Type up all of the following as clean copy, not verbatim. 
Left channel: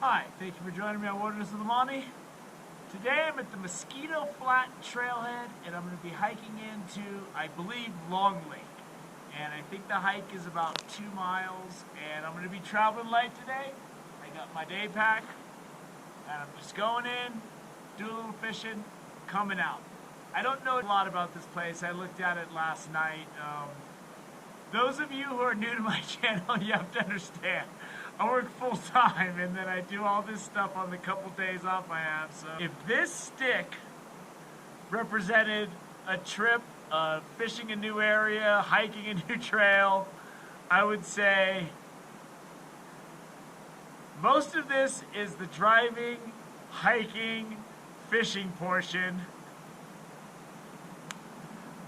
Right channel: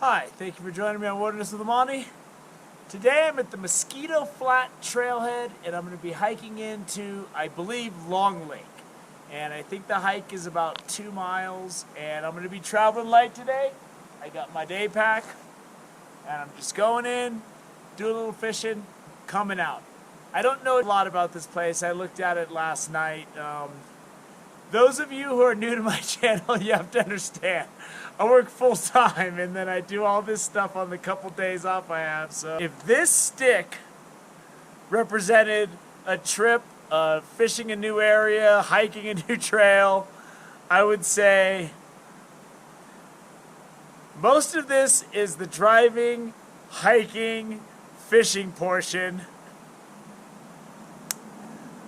Hi, thank you for joining me on Wilderness of the Monty. Today I'm at the Mosquito Flat Trailhead and I'm going to be hiking into, I believe, Long Lake. And I think the hike is about 2 miles and I'm going to be traveling light today. I got my day pack and I'm just going in, doing a little fishing, coming out. I don't know a lot about this place. I looked at it last night. Those of you who are new to my channel, you have to understand. I work full time and then I do all this stuff on the couple days off I have. So if this stick represented a trip, fishing a new area, hiking a new trail, I would say most of this is the driving, hiking, fishing portion.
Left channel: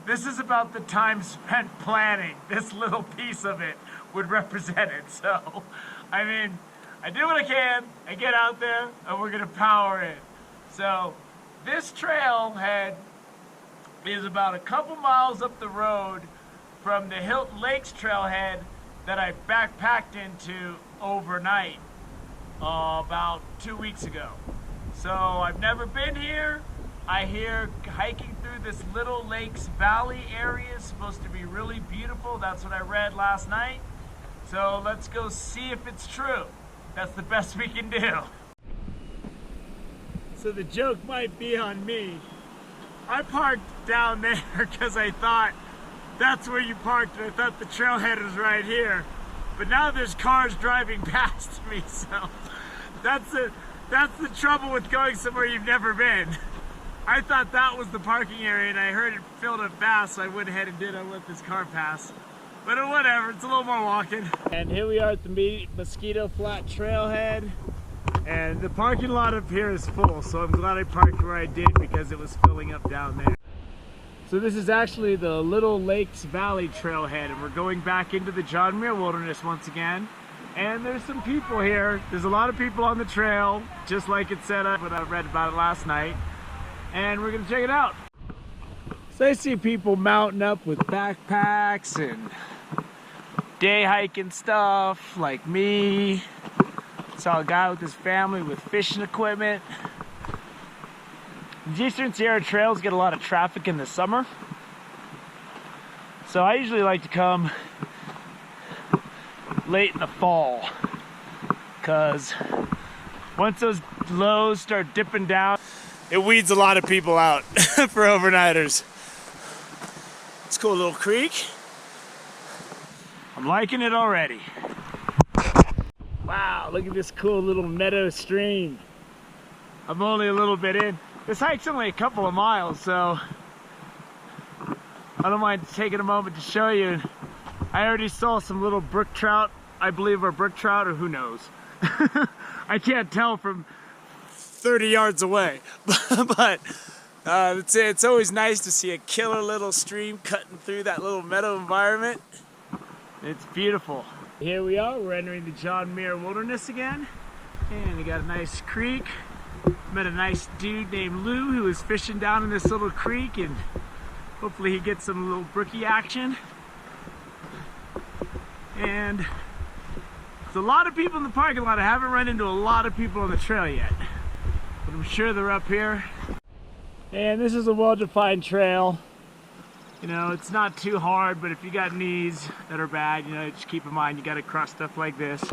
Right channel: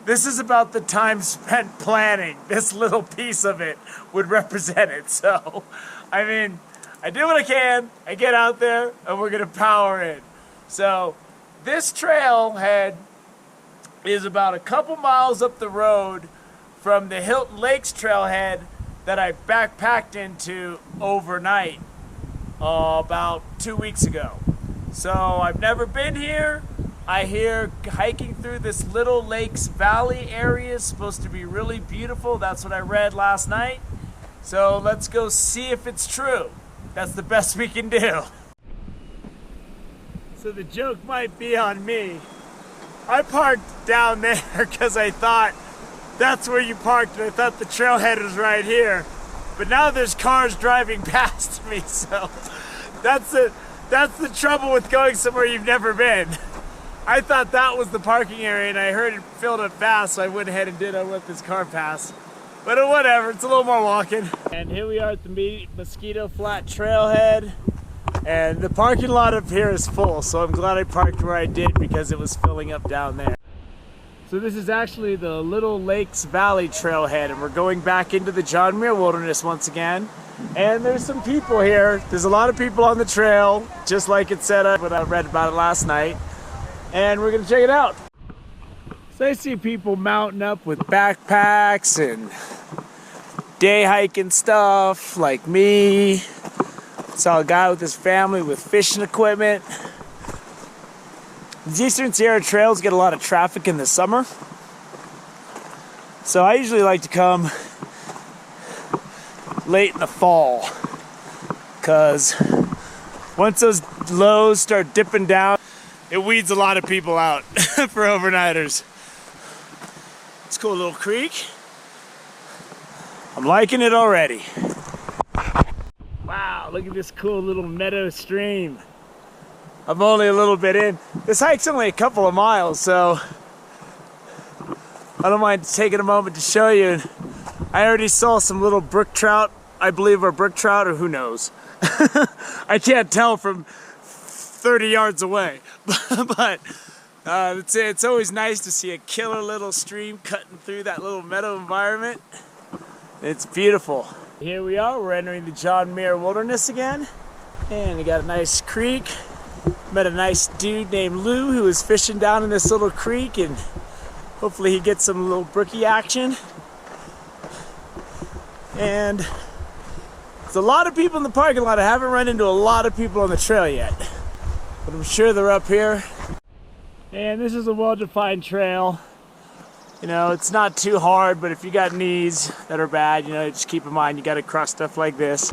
This is about the time spent planning. This little piece of it would represent it. So, I mean, I do what I can, I get out there, and we're gonna power in. So, this trailhead is about a couple miles up the road from the Hilton Lakes trailhead that I backpacked into overnight about 2 weeks ago. So, I've never been here. I hear hiking through this Little Lakes Valley area is supposed to be really beautiful. That's what I read last night. So let's go see if it's true. That's the best we can do. So the joke might be on me. I parked down there because I thought that's where you parked and I thought the trailhead was right here. But now there's cars driving past me, so that's the trouble with going somewhere you've never been. I thought that was the parking area and I heard it filled up fast, so I went ahead and did. I let this car pass. But whatever, it's a little more walking. And here we are at the Mosquito Flat Trailhead. And the parking lot up here is full, so I'm glad I parked where I did because it was filling up down there. So this is actually the Little Lakes Valley Trailhead, and we're going back into the John Muir Wilderness once again. And there's some people here. There's a lot of people on the trail, just like it said when I read about it last night. And we're gonna check it out. So I see people mounting up with backpacks and day hiking stuff like me. Saw a guy with his family with fishing equipment. These Eastern Sierra trails get a lot of traffic in the summer. So I usually like to come late in the fall, because once those lows start dipping down, it weeds a lot of people out for overnighters. It's a cool little creek. I'm liking it already. Wow, look at this cool little meadow stream. I'm only a little bit in. This hike's only a couple of miles, so I don't mind taking a moment to show you. I already saw some little brook trout, I believe are brook trout, or who knows. I can't tell from 30 yards away, but it's always nice to see a killer little stream cutting through that little meadow environment. It's beautiful. Here we are, we're entering the John Muir Wilderness again, and we got a nice creek. Met a nice dude named Lou who was fishing down in this little creek, and hopefully he gets some little brookie action. And there's a lot of people in the parking lot. I haven't run into a lot of people on the trail yet, but I'm sure they're up here. And this is a well-defined trail. You know, it's not too hard, but if you got knees that are bad, you know, just keep in mind you got to cross stuff like this.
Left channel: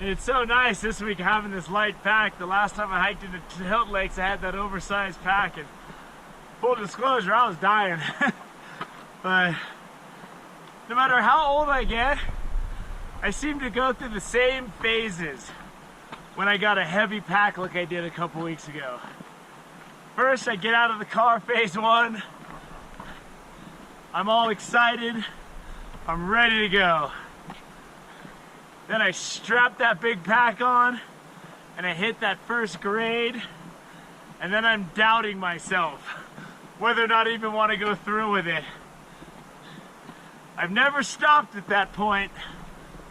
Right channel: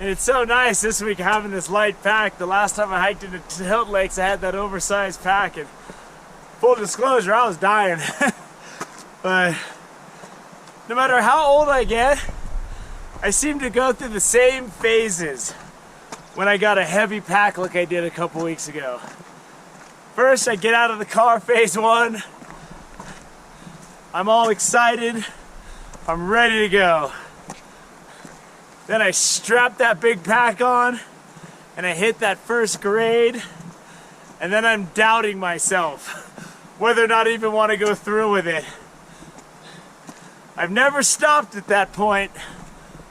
And it's so nice this week having this light pack. The last time I hiked into Hilton Lakes, I had that oversized pack, and full disclosure, I was dying. But no matter how old I get, I seem to go through the same phases when I got a heavy pack like I did a couple weeks ago. First, I get out of the car, phase one. I'm all excited. I'm ready to go. Then I strap that big pack on and I hit that first grade, and then I'm doubting myself whether or not I even want to go through with it. I've never stopped at that point,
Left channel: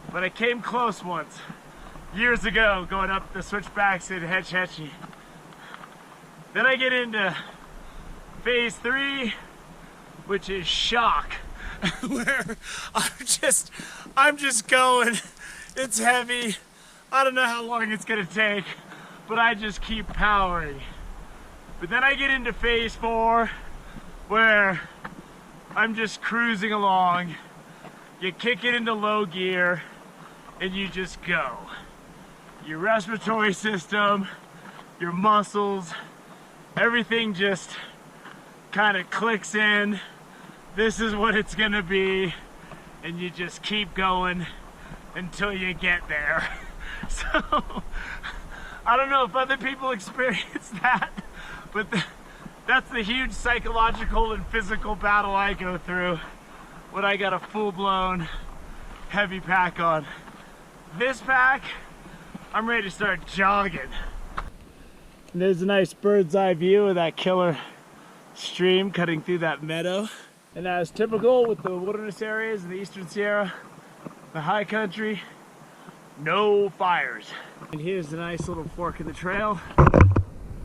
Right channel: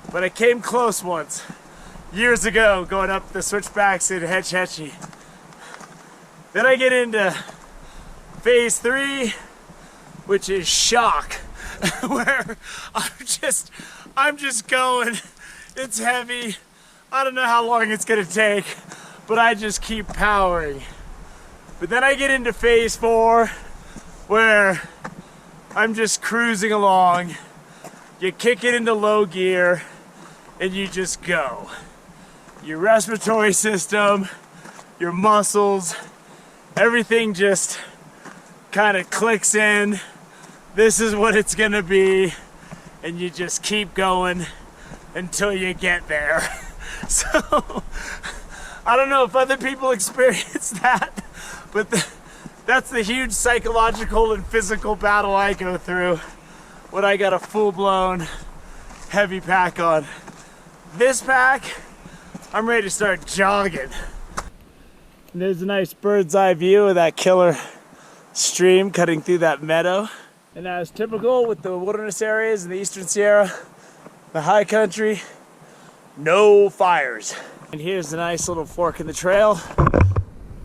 but I came close once, years ago, going up the switchbacks in Hetch Hetchy. Then I get into phase 3, which is shock, where I'm just going. It's heavy. I don't know how long it's gonna take, but I just keep powering. But then I get into phase 4 where I'm just cruising along. You kick it into low gear and you just go. Your respiratory system, your muscles, everything just kind of clicks in. This is what it's gonna be, and you just keep going until you get there. So I don't know if other people experience that, but that's the huge psychological and physical battle I go through when I got a full-blown heavy pack on. This pack, I'm ready to start jogging. And there's a nice bird's eye view of that killer stream cutting through that meadow. And as typical with the wilderness areas in the Eastern Sierra, the high country, no fires. And here's a nice little fork in the trail.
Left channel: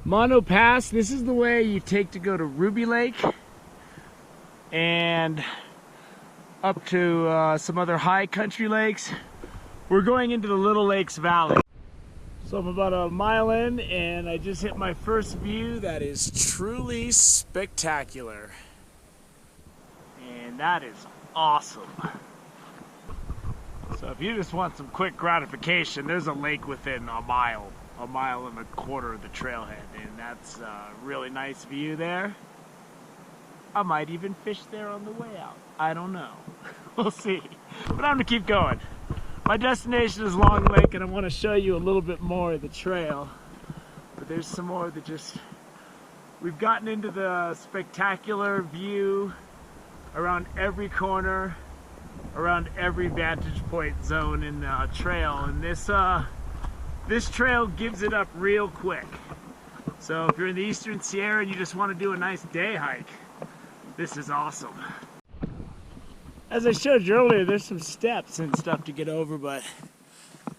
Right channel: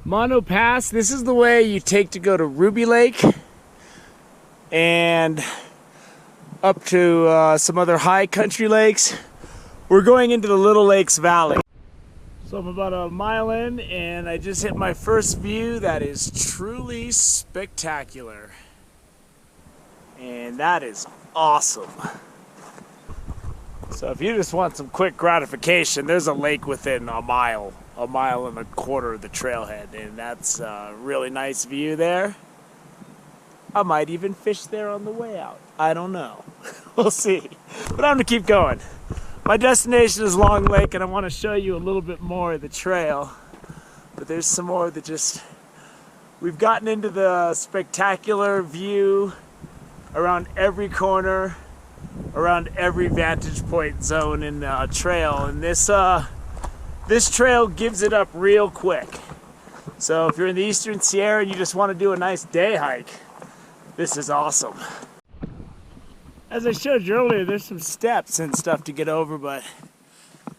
Mono Pass, this is the way you take to go to Ruby Lake and up to some other high country lakes. We're going into the Little Lakes Valley. So I'm about a mile in and I just hit my first view that is truly spectacular. And that is awesome. So if you just want some quick gratification, there's a lake within a mile and a quarter of the trailhead, and that's a really nice view there. I might even fish there on the way out. I don't know. We'll see. But I'm gonna keep going. My destination is Long Lake, and I want to show you a little bit more of the trail. But there's some more that just... We've gotten into the spectacular view around every corner, around every vantage point zone in the trail, and this trail gives it up real quick. So if you're in the Eastern Sierra and you just want to do a nice day hike, this is awesome. As I showed you earlier, there's some steps and stuff to get over, but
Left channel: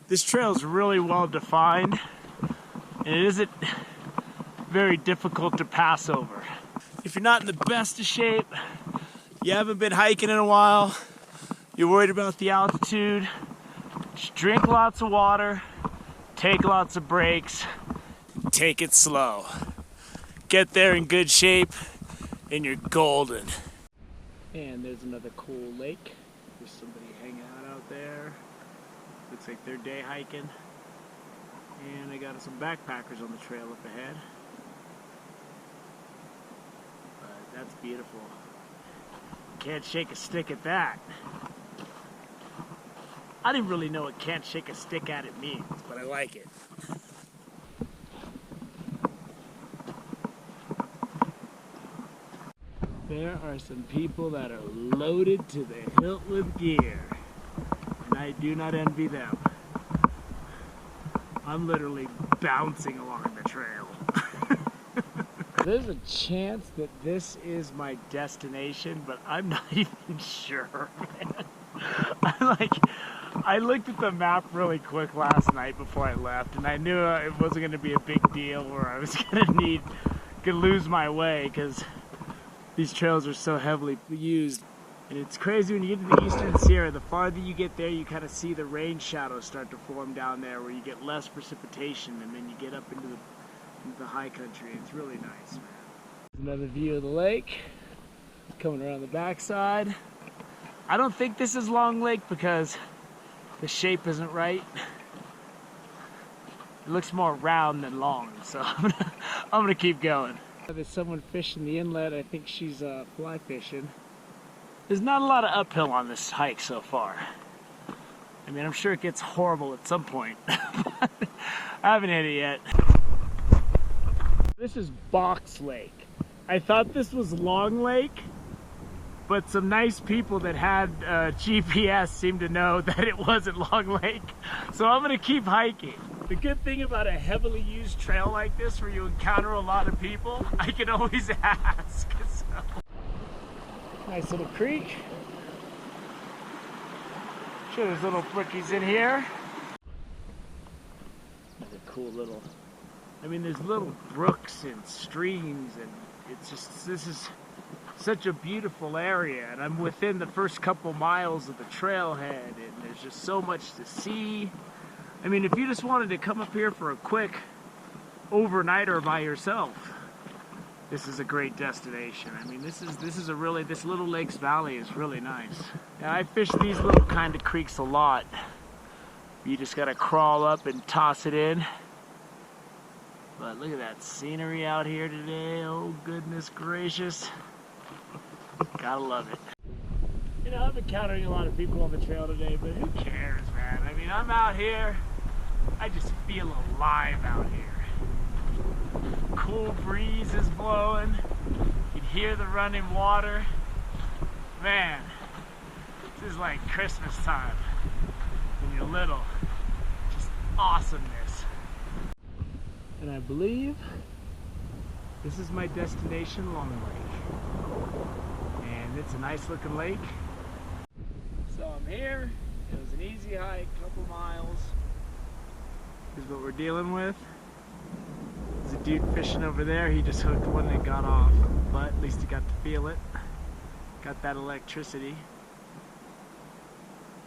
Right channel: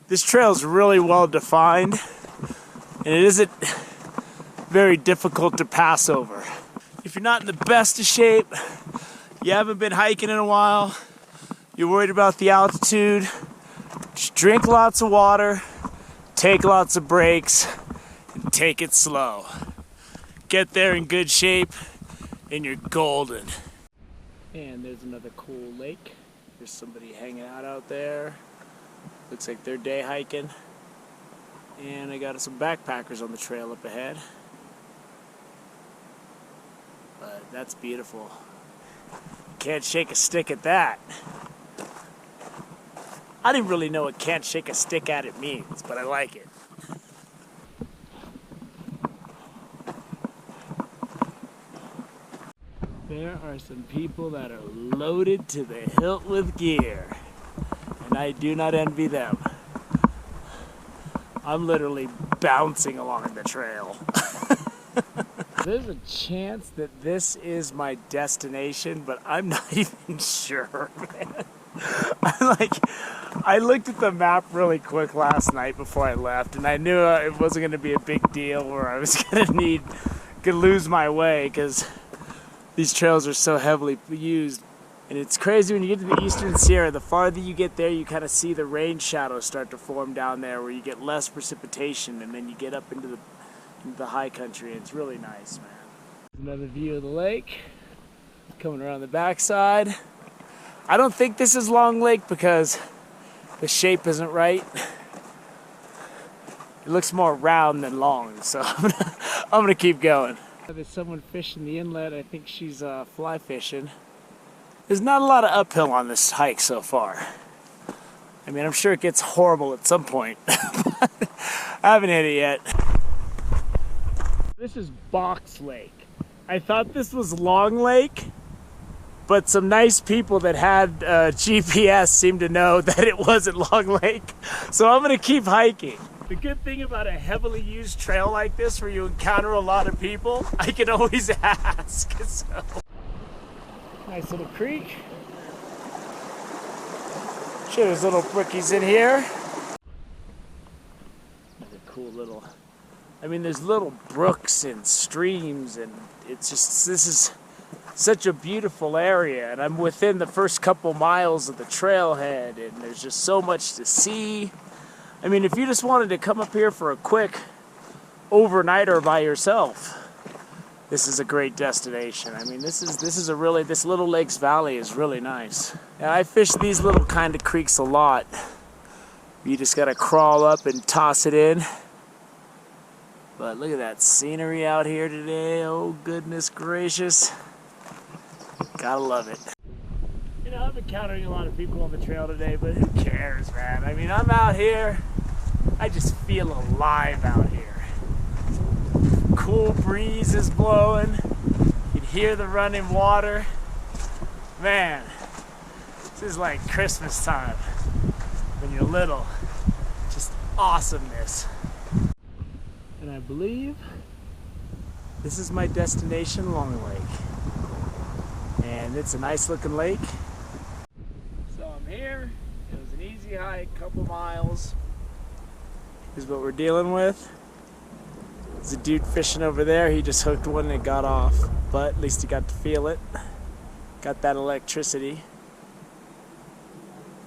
this trail is really well defined and it isn't very difficult to pass over. If you're not in the best of shape, you haven't been hiking in a while, you're worried about the altitude, just drink lots of water, take lots of breaks, and take it slow. Get there in good shape, and you're golden. And there's another cool lake. There's somebody hanging out there. Looks like they're day hiking. And I got some backpackers on the trail up ahead. But that's beautiful. Can't shake a stick at that. I didn't really know what can't shake a stick at it means, but I like it. There are some people that are loaded to the hilt with gear, and I do not envy them. I'm literally bouncing along the trail. There's a chance that this is my destination, but I'm not even sure, man. I looked at the map really quick last night before I left, and I knew it wasn't going to be a big deal where I was going to lose my way, because these trails are so heavily used. And it's crazy when you get to the Eastern Sierra, the farther you get there, you kind of see the rain shadows start to form down there where you get less precipitation, and then you get up into the high country, and it's really nice, man. Another view of the lake, coming around the backside. I don't think this is Long Lake because the shape isn't right. It looks more round than long, so I'm gonna keep going. There's someone fishing the inlet. I think she's fly fishing. There's not a lot of uphill on this hike so far. I mean, I'm sure it gets horrible at some point. I haven't hit it yet. This is Box Lake. I thought this was Long Lake, but some nice people that had GPS seemed to know that it wasn't Long Lake. So I'm gonna keep hiking. The good thing about a heavily used trail like this where you encounter a lot of people, I can always ask. So. Nice little creek. Sure, there's little brookies in here. Another cool little, I mean, there's little brooks and streams, and it's just, this is such a beautiful area, and I'm within the first couple miles of the trailhead, and there's just so much to see. I mean, if you just wanted to come up here for a quick overnighter by yourself, this is a great destination. I mean, this Little Lakes Valley is really nice. And I fish these little kind of creeks a lot. You just gotta crawl up and toss it in. But look at that scenery out here today. Oh, goodness gracious. Gotta love it. You know, I'm encountering a lot of people on the trail today, but who cares, man? I mean, I'm out here. I just feel alive out here. Cool breeze is blowing. You can hear the running water. Man, this is like Christmas time when you're little. Just awesomeness. And I believe this is my destination, Long Lake. And it's a nice looking lake. So I'm here. It was an easy hike, couple miles. Here's what we're dealing with. There's a dude fishing over there. He just hooked one and got off. But at least he got to feel it. Got that electricity.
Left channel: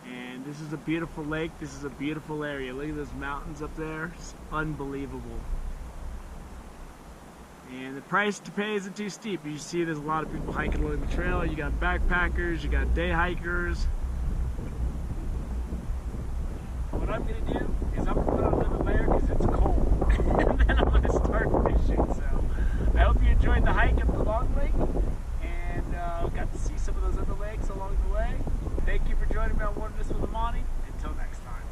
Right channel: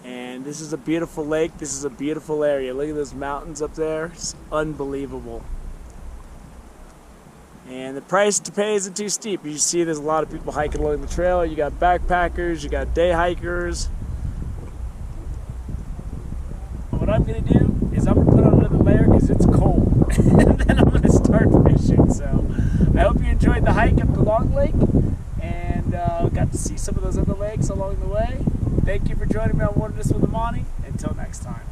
And this is a beautiful lake. This is a beautiful area. Look at those mountains up there. It's unbelievable. And the price to pay isn't too steep. You see there's a lot of people hiking along the trail. You got backpackers, you got day hikers. What I'm going to do is I'm going to put on another layer because it's cold. And then I'm going to start fishing. So I hope you enjoyed the hike up to Long Lake. And got to see some of those other lakes along the way. Thank you for joining me on Wilderness with Amani. Until next time.